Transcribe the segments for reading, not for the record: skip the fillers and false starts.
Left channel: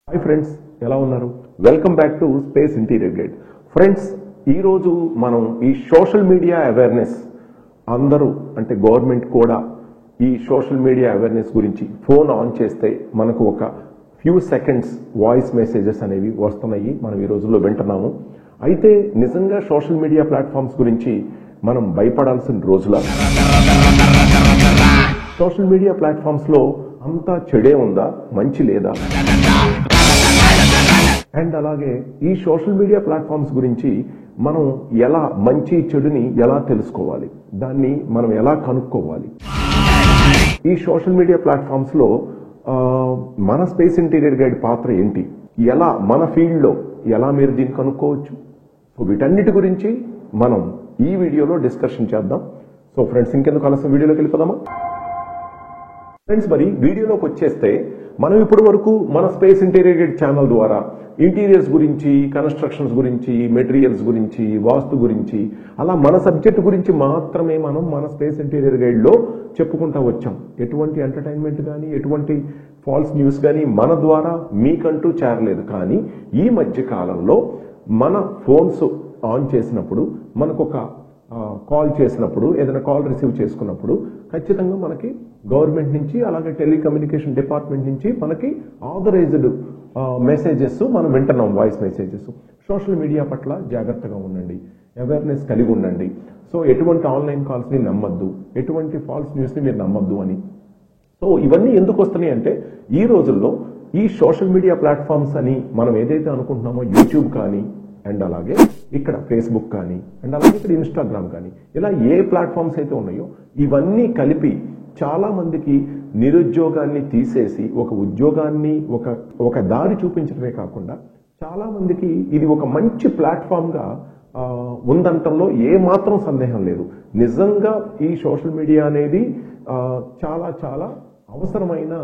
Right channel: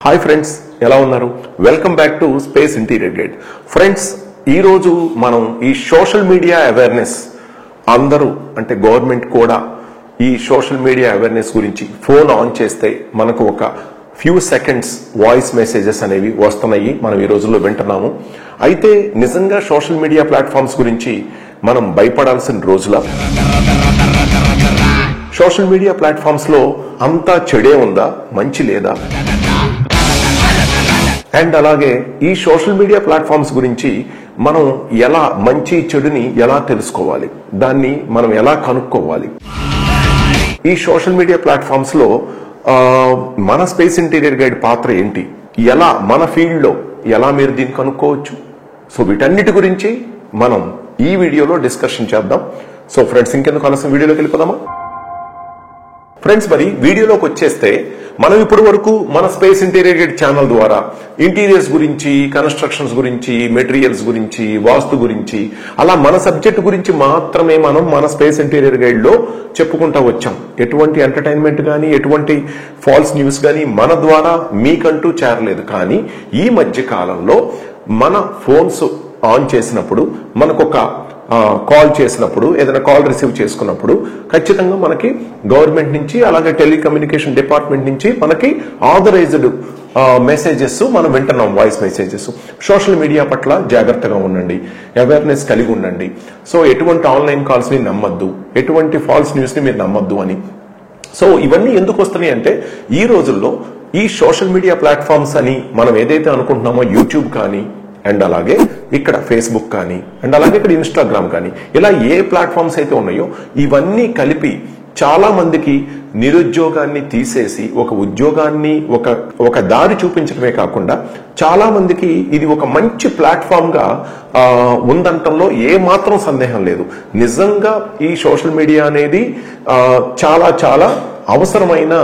Hi friends, ఎలా ఉన్నారు? Welcome back to space interior guide. Friends, ఈరోజు మనం ఈ సోషల్ మీడియా అవేర్నెస్ అందరూ అంటే గవర్నమెంట్ కూడా ఈ సోషల్ మీడియా అవేర్నెస్ గురించి ఫోన్ ఆన్ చేస్తే మనకు ఒక ఫ్యూ సెకండ్స్ వాయిస్ మెసేజెస్ అనేవి వస్తున్నాయి. మనం ఈ రోజుల్లో వింటున్నాము. అయితే నిజంగా సోషల్ మీడియా ప్లాట్ఫామ్స్ గురించి మనం భయపడాల్సిన రోజుల సోషల్ మీడియా ప్లాట్ఫామ్స్ లో అంతా చెడే ఉందా, మంచి లేదా? అండ్ అలాగే ఈ సోషల్ మీడియా ప్లాట్ఫామ్స్ గురించి మనం ఎలా మంచి చెడుని ఎలా తెలుసుకోవాలి, దాన్ని మనం ఎలా కనుక్కోవాలి? ఈ సోషల్ మీడియా ప్లాట్ఫామ్స్ లో మన స్పేస్ ఇంటీరియర్ గైడ్ పాత్ర ఏంటి, ఎలా మన ఫీల్డ్ లో ఎలా మీరు దీన్ని కనుక్కోవచ్చు? సో వీటన్నిటి గురించి మనం ఈ వీడియోలో డిస్కషన్ చేద్దాం. సో ఫ్రెండ్స్, ఇంకెందుకు ఆలస్యం, వీడియోలోకి వెళ్ళిపోదామా? ఫ్రెండ్స్, మరి వీడియోలోకి వచ్చేస్తే మనం ఇప్పటి వరకు మన స్పేస్ ఇంటీరియర్ గైడ్ ఛానల్ ద్వారా ఇంటీరియర్స్ గురించి, కన్స్ట్రక్షన్స్ గురించి, మెటీరియల్స్ గురించి, వాస్తు గురించి, అలా మన సబ్జెక్ట్ గురించి మాత్రమే మనం మన స్పేస్ ఇంటీరియర్ గైడ్ లో చెప్పుకుంటా వచ్చాం. ఎటువంటి ఎంటర్టైన్మెంట్ కానీ, ఎటువంటి ఫాల్స్ న్యూస్ కానీ మన ద్వారా మీకంటూ చేరలేదు. కానీ ఈ మధ్య కాలంలో మన ఫోన్స్ ఆన్ చేసినప్పుడు, మనకొక కాల్ చేసినప్పుడు, ఏదైనా కాల్ రిసీవ్ చేసుకున్నప్పుడు ఖచ్చితంగా మనకి గవర్నమెంట్ నుంచి, అలాగే టెలికమ్యూనికేషన్ డిపార్ట్మెంట్ నుంచి మనకి ఆథరైజ్డ్ మెసేజెస్ మనం వింటున్నాం, వాయిస్ మెసేజెస్. సోషల్ మీడియా పట్ల జాగ్రత్తగా ఉండండి, అవేర్నెస్ కలిగి ఉండండి. సో ఎటువంటి ఆన్లైన్ కాల్స్ ని నమ్మద్దు, ఎటువంటి ఫాల్స్ న్యూస్ ని మీరు నమ్మద్దు అని. సో ఇవన్నీ ఎందుకు వస్తున్నాయి అంటే, ఈ రోజుల్లో ఈ సోషల్ మీడియా ప్లాట్ఫామ్స్ అని మనం ఏదైతే అనుకుంటున్నామో, యూట్యూబ్ కానీ, అండ్ అలాగే ఇక్కడ ఫేస్బుక్ కానీ, అండ్ అలాగే ఇక్కడ ఇన్స్టాగ్రామ్ కానీ, ఇలా ఏ ప్లాట్ఫామ్స్ అయితే ఉన్నాయో ఇవన్నీ కలిపి చాలా మందికి నిరుద్యోగాన్ని తీసేసి ఒక ఉద్యోగాన్ని, ఒక దారి చూపించడమే కాకుండా చాలా మందికి ఇది ఒక మంచి ప్లాట్ఫామ్ గా ఉందంటంలో ఏ మాత్రం సందేహం లేదు. నిజంగా ఈ సోషల్ మీడియా అనేది చాలా చాలా అవసరమైన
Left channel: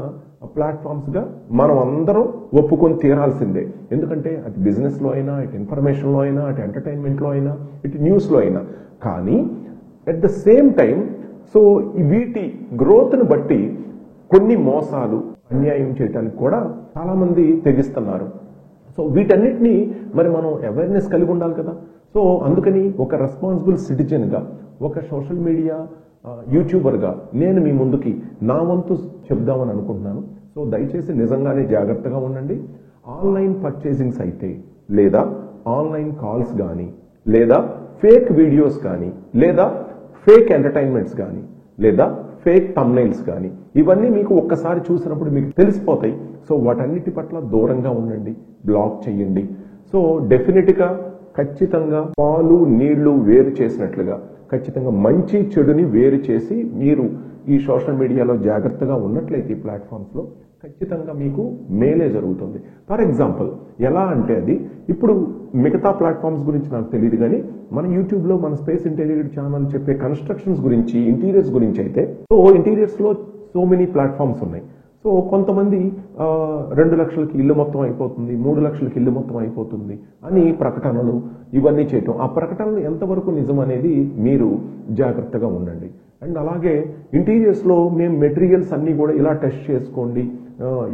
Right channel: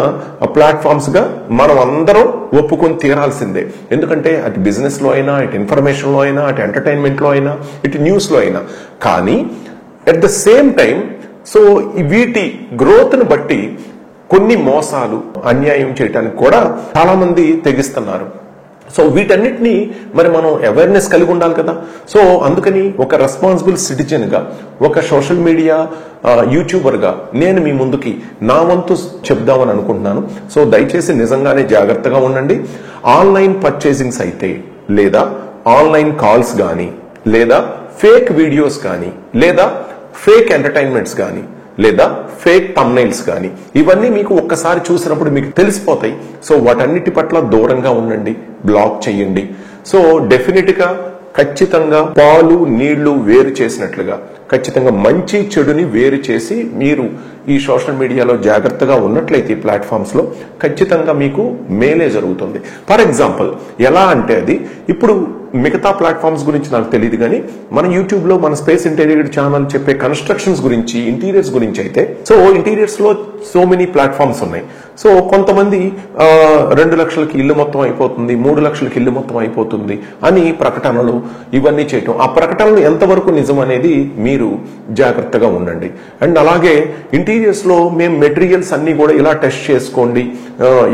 ప్లాట్ఫామ్స్ గా మనం అందరం ఒప్పుకొని తీరాల్సిందే. ఎందుకంటే అటు బిజినెస్ లో అయినా, ఇటు ఇన్ఫర్మేషన్ లో అయినా, అటు ఎంటర్టైన్మెంట్ లో అయినా, ఇటు న్యూస్ లో అయినా. కానీ at the same time so వీటి గ్రోత్ ను బట్టి కొన్ని మోసాలు, అన్యాయం చేయడానికి కూడా చాలా మంది తెగిస్తున్నారు. సో వీటన్నిటినీ మరి మనం అవేర్నెస్ కలిగి ఉండాలి కదా. సో అందుకని ఒక రెస్పాన్సిబుల్ సిటిజన్ గా, ఒక సోషల్ మీడియా యూట్యూబర్ గా నేను మీ ముందుకి నా వంతు చెప్దామని అనుకుంటున్నాను. సో దయచేసి నిజంగానే జాగ్రత్తగా ఉండండి. ఆన్లైన్ పర్చేసింగ్స్ అయితే, లేదా ఆన్లైన్ కాల్స్ కానీ, లేదా ఫేక్ వీడియోస్ కానీ, లేదా ఫేక్ ఎంటర్టైన్మెంట్స్ కానీ, లేదా ఫేక్ థంబ్నెయిల్స్ కానీ, ఇవన్నీ మీకు ఒక్కసారి చూసినప్పుడు మీకు తెలిసిపోతాయి. సో వాటన్నిటి పట్ల దూరంగా ఉండండి, బ్లాక్ చేయండి. సో డెఫినెట్ గా ఖచ్చితంగా పాలు నీళ్లు వేరు చేసినట్లుగా ఖచ్చితంగా మంచి చెడుని వేరు చేసి మీరు ఈ సోషల్ మీడియాలో జాగ్రత్తగా ఉన్నట్లయితే ఈ ప్లాట్ఫామ్స్ లో ఖచ్చితంగా మీకు మేలే జరుగుతుంది. ఫర్ ఎగ్జాంపుల్ ఎలా అంటే, అది ఇప్పుడు మిగతా ప్లాట్ఫామ్స్ గురించి నాకు తెలియదు, కానీ మన యూట్యూబ్ లో మన స్పేస్ ఇంటీరియర్ ఛానల్ చెప్పే కన్స్ట్రక్షన్స్ గురించి, ఇంటీరియర్స్ గురించి అయితే, సో ఇంటీరియర్స్ లో సో మెనీ ప్లాట్ఫామ్స్ ఉన్నాయి. సో కొంతమంది 2 లక్షలకి ఇల్లు మొత్తం అయిపోతుంది, 3 లక్షలకి ఇల్లు మొత్తం అయిపోతుంది అని ప్రకటనలు ఇవన్నీ చేయటం. ఆ ప్రకటనలు ఎంతవరకు నిజం అనేది మీరు జాగ్రత్తగా ఉండండి. అండ్ అలాగే ఇంటీరియర్స్ లో మేము మెటీరియల్స్ అన్ని కూడా ఇలా టెస్ట్ చేసుకోండి,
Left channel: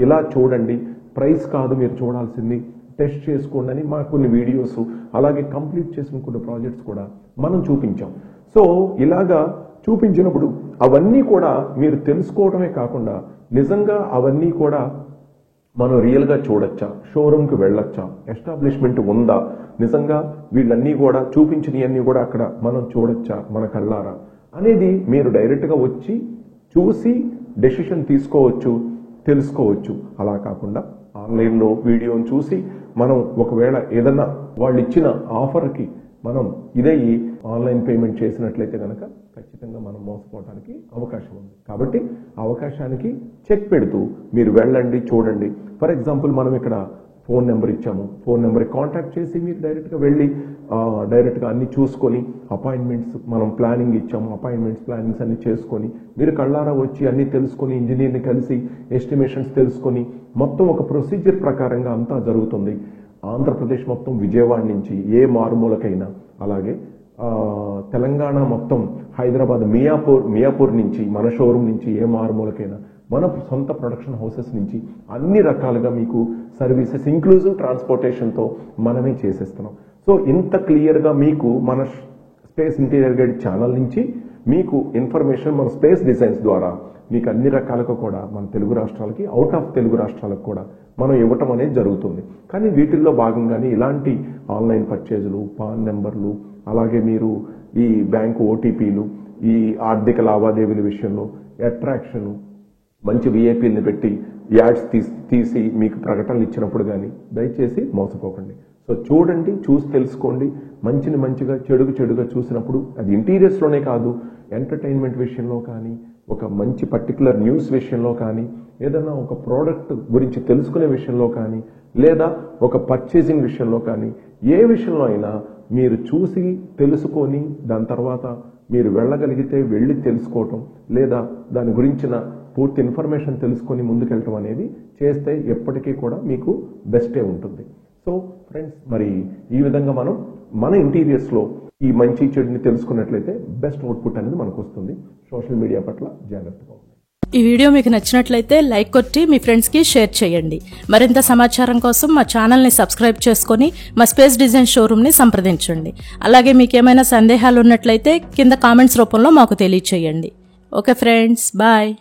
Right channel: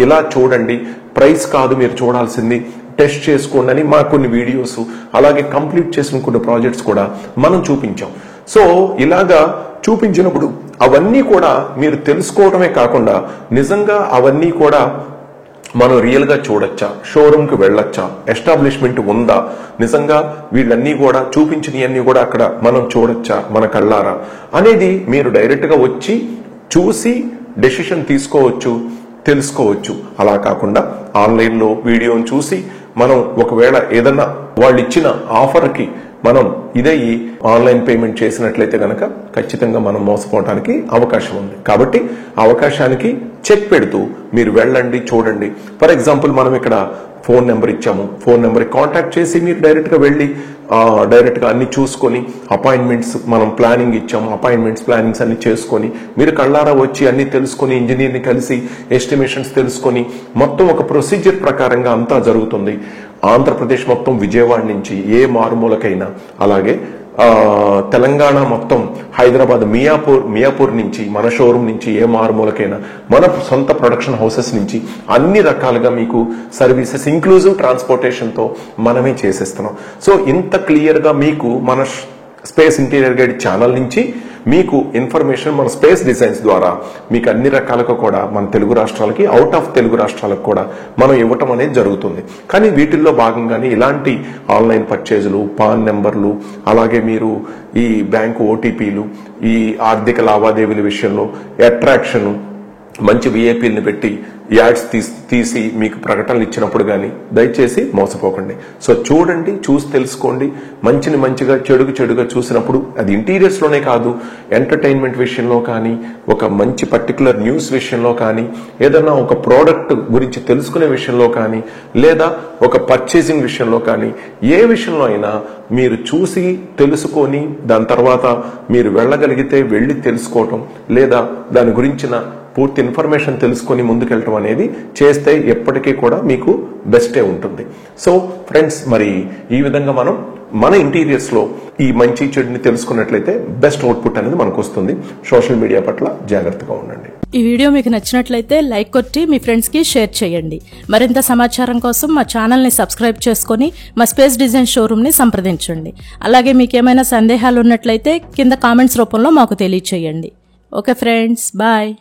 ఇలా చూడండి, ప్రైస్ కాదు మీరు చూడాల్సింది, టెస్ట్ చేసుకోండి అని మా కొన్ని వీడియోస్, అలాగే కంప్లీట్ చేసిన కొన్ని ప్రాజెక్ట్స్ కూడా మనం చూపించాం. సో ఇలాగా చూపించినప్పుడు అవన్నీ కూడా మీరు తెలుసుకోవడమే కాకుండా నిజంగా అవన్నీ కూడా మనం రియల్ గా చూడొచ్చా, షోరూమ్ కి వెళ్ళొచ్చా, ఎస్టాబ్లిష్మెంట్ ఉందా, నిజంగా వీళ్ళన్నీ కూడా చూపించినవన్నీ కూడా అక్కడ మనం చూడొచ్చా మన కళ్ళారా అనేది మీరు డైరెక్ట్ గా వచ్చి చూసి డెసిషన్ తీసుకోవచ్చు, తెలుసుకోవచ్చు. అలా కాకుండా ఆన్లైన్ లో వీడియోని చూసి మనం ఒకవేళ ఏదన్నా వాళ్ళు ఇచ్చిన ఆఫర్కి మనం ఇదయ్యి ఆన్లైన్ పేమెంట్ చేసినట్లయితే గనక ఖచ్చితంగా మనం మోసపోవడానికి అవకాశం ఉంది. కాబట్టి అవకాశానికి చెక్ పెడుతూ మీరు వెళ్ళండి, చూడండి. ఫర్ ఎగ్జాంపుల్ మనం ఇక్కడ ఫోన్ నెంబర్ ఇచ్చాము, ఫోన్ నెంబర్కి కాంటాక్ట్ చేసి మీరు డైరెక్ట్ గా వెళ్ళి డైరెక్ట్ గా అన్ని చూసుకొని, అపాయింట్మెంట్స్ మనం ప్లానింగ్ ఇచ్చాము, అపాయింట్మెంట్స్ ప్లానింగ్స్ అన్ని చేసుకొని మీరు కళ్ళారా వచ్చి అన్ని తెలుసుకొని, ఇంజనీర్ని కలిసి ఎస్టిమేషన్స్ తెలుసుకొని, మొత్తం ఒక ప్రొసీజర్ ప్రకారంగా అంతా జరుగుతుంది. ఆంధ్రప్రదేశ్ మొత్తం, విజయవాడ నుంచి ఏ మారుమూలకైనా, అలాగే తెలంగాణ మొత్తం హైదరాబాద్ మియాపూర్ నుంచి మన షోరూమ్ నుంచి ఏ మారుమూలకైనా మన సొంత ప్రొడక్షన్ హౌసెస్ నుంచి అన్ని రకాలుగా మీకు సర్వీసెస్ ఇంక్లూజివ్ ట్రాన్స్పోర్టేషన్తో మనమే చేసేస్తున్నాం. సో ఇంత క్లియర్గా మీకు మన స్పేస్ ఇంటీరియర్ గైడ్ ఛానల్ నుంచి మీకు ఇన్ఫర్మేషన్ మన స్పేస్ డిజైన్స్ ద్వారా మీకు అన్ని రకాలుగా కూడా మన తెలుగు రాష్ట్రాలకి, అవుట్ ఆఫ్ తెలుగు రాష్ట్రాలకు కూడా మనం ఇవ్వటం అనేది జరుగుతుంది. కానీ వీటిల్లో భాగంగానే ఇలాంటి ఆన్లైన్ పర్చేజులు, పాన్ నెంబర్లు, అలాగే మీరు ఈ బ్యాంకు ఓటీపీలు, ఈ ఆర్థిక లావాదేవీల విషయంలో అట్రాక్షన్, మంచి విఐపీలను పెట్టి యాడ్స్ తీసి మీకు ప్రకటనలు ఇచ్చినప్పుడు కానీ దయచేసి మోసపోకండి. సో చూడండి, చూసి తెలుసుకోండి. మంచిని మంచిగా, చెడుగా చూసినప్పుడు అది ఇంటీరియర్స్లోనే కాదు, ఎంటర్టైన్మెంట్ విషయంలో కానీ, ఒక మంచి పర్టికులర్ న్యూస్ విషయంలో కానీ, ఏదైనా ఒక ప్రోడక్ట్ గురించి తెలుసుకునే విషయంలో కానీ, లేదా ఒక పర్చేసింగ్ విషయంలో కానీ, ఏ విషయంలో అయినా మీరు చూసి తెలుసుకొని దాని తర్వాత మీరు వెళ్ళగలిగితే వెళ్ళి తెలుసుకోవటం, లేదా దాని గురించిన పూర్తి ఇన్ఫర్మేషన్ తెలుసుకొని ముందుకెళ్ళటం అనేది చేస్తే ఎప్పటికీ కూడా మీకు బెస్టే ఉంటుంది. సో ఫ్రెండ్స్, మరి ఈ విధంగా మనం మన ఇంటీరియర్స్ లో ఈ మంచి చెడుని తెలుసుకున్నట్లయితే బెస్ట్ అవుట్పుట్ అనేది మనకు వస్తుంది. సోషల్ మీడియా పట్ల జాగ్రత్తగా ఉండండి. ఈ వీడియో మీకు నచ్చినట్లయితే లైక్ కొట్టి మీ ఫ్రెండ్స్ కి షేర్ చేయండి. మరింత సమాచారం కోసం మా ఛానల్ ని సబ్స్క్రైబ్ చేసుకుని మా స్పేస్ డిజైన్ షోరూమ్ ని సంప్రదించండి. అలాగే మీకు ఏమైనా సందేహాలు ఉన్నట్లయితే కింద కామెంట్స్ రూపంలో మాకు తెలియచేయండి. Okay friends, bye.